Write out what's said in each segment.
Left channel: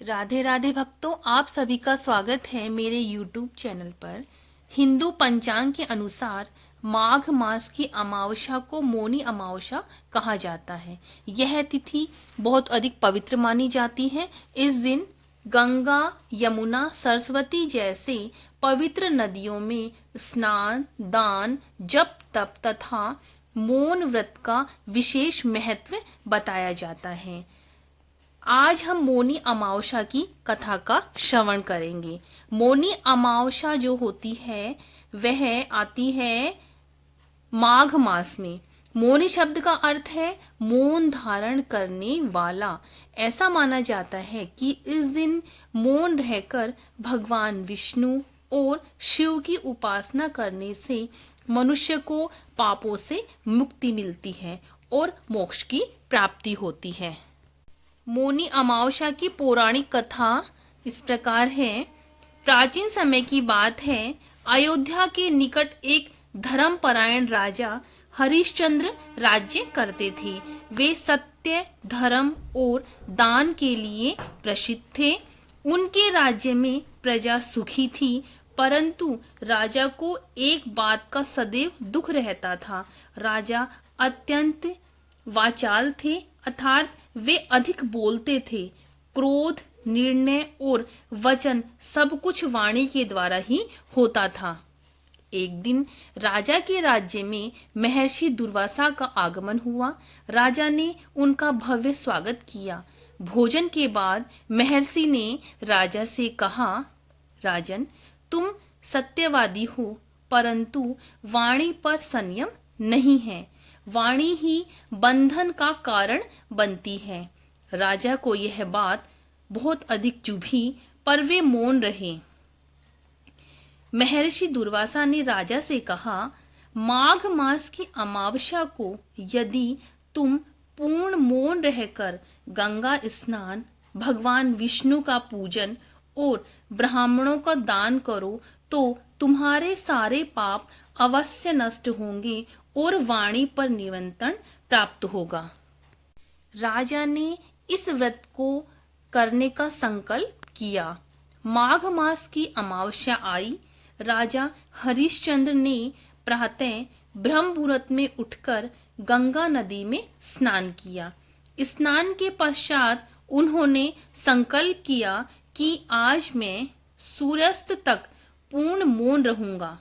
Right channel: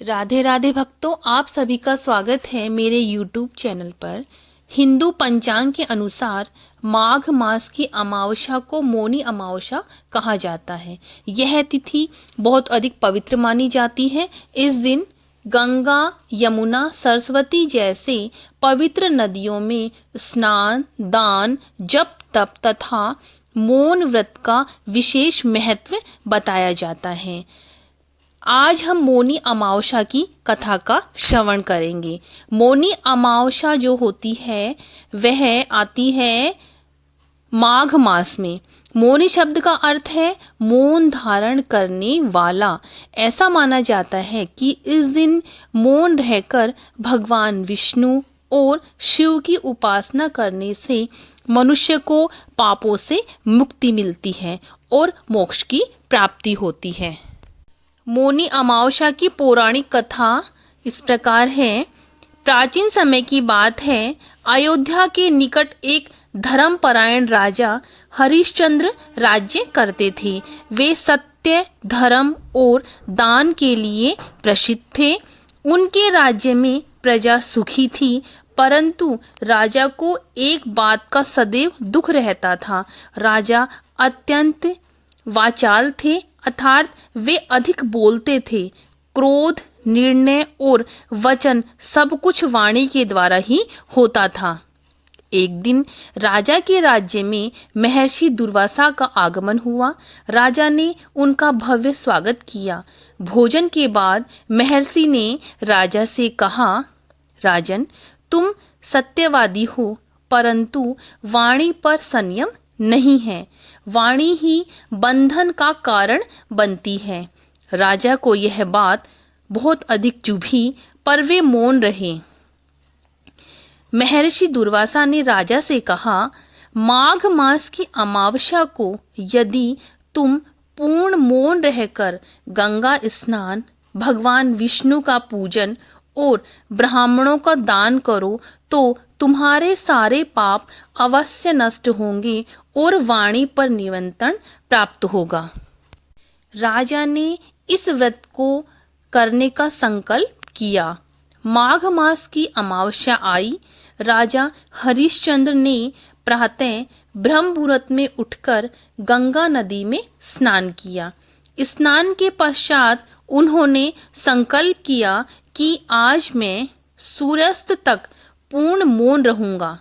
राधे राधे भक्तों, आप सभी का स्वागत है मेरे YouTube चैनल पर। हिंदू पंचांग के अनुसार माघ मास की अमावस्या को मौनी अमावस्या कहा जाता है। यह तिथि बहुत अधिक पवित्र मानी जाती है। इस दिन गंगा, यमुना, सरस्वती जैसे पवित्र नदियों में स्नान, दान, जप तप तथा मौन व्रत का विशेष महत्व बताया जाता है। आज हम मौनी अमावस्या की कथा का श्रवण करेंगे। मौनी अमावस्या जो होती है वह आती है माघ मास में। मौनी शब्द का अर्थ है मौन धारण करने वाला। ऐसा माना जाता है कि इस दिन मौन रहकर भगवान विष्णु और शिव की उपासना करने से मनुष्य को पापों से मुक्ति मिलती है और मोक्ष की प्राप्ति होती है। मौनी अमावस्या की पौराणिक कथा इस प्रकार है। प्राचीन समय की बात है। अयोध्या के निकट एक धर्मपरायण राजा हरिश्चंद्र राज्य करते थे। वे सत्य, धर्म और दान के लिए प्रसिद्ध थे। उनके राज्य में प्रजा सुखी थी, परंतु राजा को एक बात का सदैव दुख रहता था। राजा अत्यंत वाचाल थे, अर्थात वे अधिक बोलते थे। क्रोध, निर्णय और वचन सब कुछ वाणी के द्वारा ही होता था। एक दिन राजा के राज्य में महर्षि दुर्वासा का आगमन हुआ। राजा ने उनका भव्य स्वागत किया। भोजन के बाद महर्षि ने राजा से कहा, राजन, तुम सत्यवादी हो, परंतु वाणी पर संयम नहीं है। वाणी ही बंधन का कारण बनती है। राजा को यह बात बहुत अधिक चुभी, पर वे मौन रहे। महर्षि दुर्वासा ने राजा से कहा, माघ मास की अमावस्या को यदि तुम पूर्ण मौन रहकर गंगा स्नान, भगवान विष्णु का पूजन और ब्राह्मणों का दान करो तो तुम्हारे सारे पाप अवश्य नष्ट होंगे और वाणी पर नियंत्रण प्राप्त होगा। राजा ने इस व्रत को करने का संकल्प किया। माघ मास की अमावस्या आई। राजा हरिश्चंद्र ने प्रातः ब्रह्म मुहूर्त में उठकर गंगा नदी में स्नान किया। स्नान के पश्चात उन्होंने संकल्प किया कि आज मैं सूर्यास्त तक पूर्ण मौन रहूंगा।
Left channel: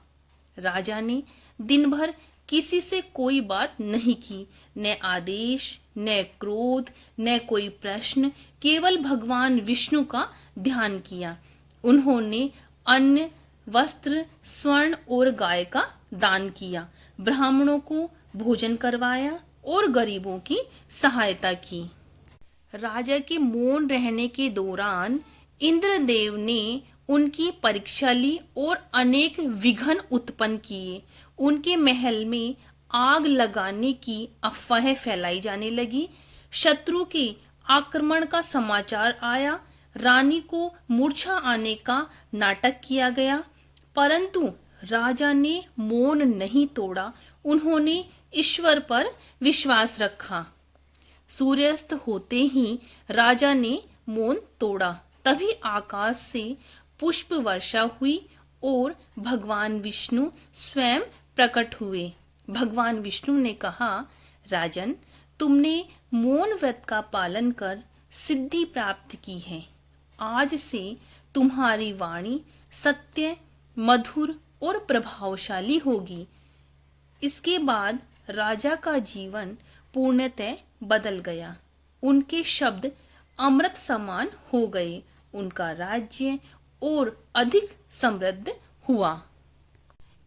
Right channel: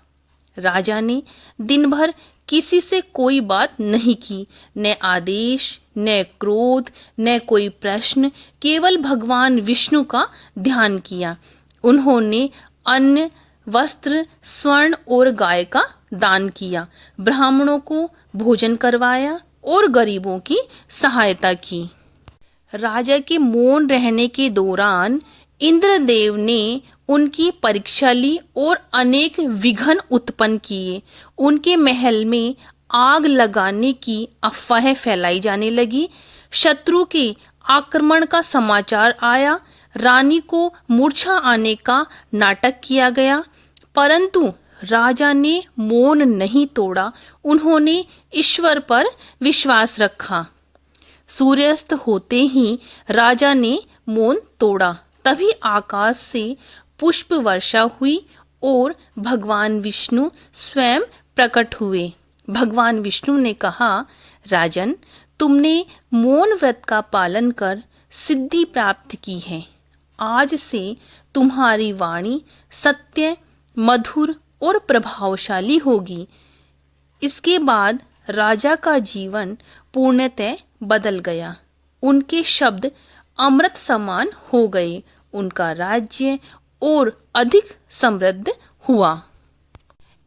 राजा ने दिन भर किसी से कोई बात नहीं की, न आदेश, न क्रोध, न कोई प्रश्न, केवल भगवान विष्णु का ध्यान किया। उन्होंने अन्न, वस्त्र, स्वर्ण और गाय का दान किया, ब्राह्मणों को भोजन करवाया और गरीबों की सहायता की। राजा के मौन रहने के दौरान इंद्रदेव ने उनकी परीक्षा ली और अनेक विघ्न उत्पन्न किए। उनके महल में आग लगाने की अफवाहें फैलाई जाने लगी। शत्रु के आक्रमण का समाचार आया। रानी को मूर्छा आने का नाटक किया गया, परंतु राजा ने मौन नहीं तोड़ा। उन्होंने ईश्वर पर विश्वास रखा। सूर्यास्त होते ही राजा ने मौन तोड़ा। तभी आकाश से पुष्प वर्षा हुई और भगवान विष्णु स्वयं प्रकट हुए। भगवान विष्णु ने कहा, राजन, तुमने मौन व्रत का पालन कर सिद्धि प्राप्त की है। आज से तुम्हारी वाणी सत्य, मधुर और प्रभावशाली होगी। इसके बाद राजा का जीवन पूर्णतः बदल गया। उनके शब्द अमृत समान हो गए। उनका राज्य और अधिक समृद्ध हुआ।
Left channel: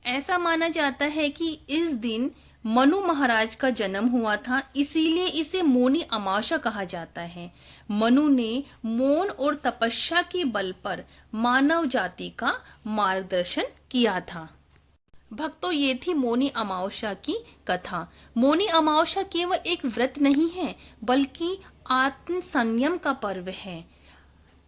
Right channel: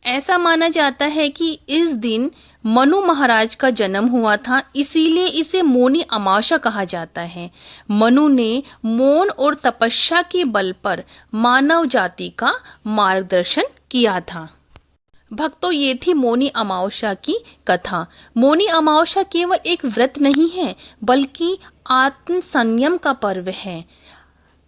ऐसा माना जाता है कि इस दिन मनु महाराज का जन्म हुआ था, इसीलिए इसे मौनी अमावस्या कहा जाता है। मनु ने मौन और तपस्या के बल पर मानव जाति का मार्गदर्शन किया था। भक्तों, ये थी मौनी अमावस्या की कथा। मौनी अमावस्या केवल एक व्रत नहीं है, बल्कि आत्म संयम का पर्व है।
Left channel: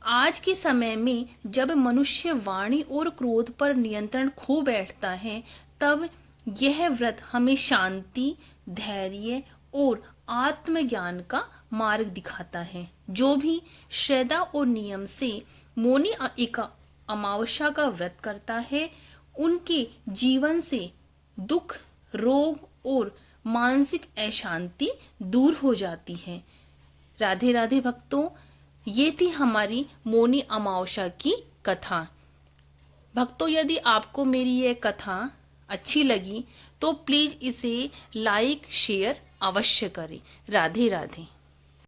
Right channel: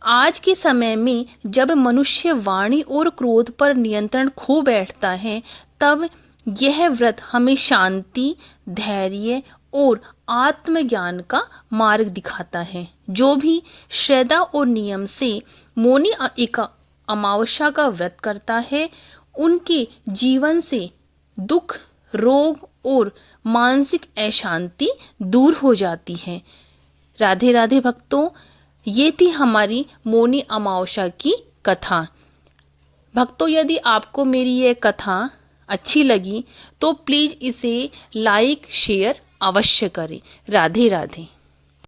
आज के समय में जब मनुष्य वाणी और क्रोध पर नियंत्रण खो बैठता है, तब यह व्रत हमें शांति, धैर्य और आत्मज्ञान का मार्ग दिखाता है। जो भी श्रद्धा और नियम से मौनी अमावस्या का व्रत करता है, उनके जीवन से दुख, रोग और मानसिक अशांति दूर हो जाती है। राधे राधे भक्तों, ये थी हमारी मौनी अमावस्या की कथा। भक्तों, यदि आपको मेरी ये कथा अच्छी लगी तो प्लीज़ इसे लाइक शेयर अवश्य करें। राधे राधे।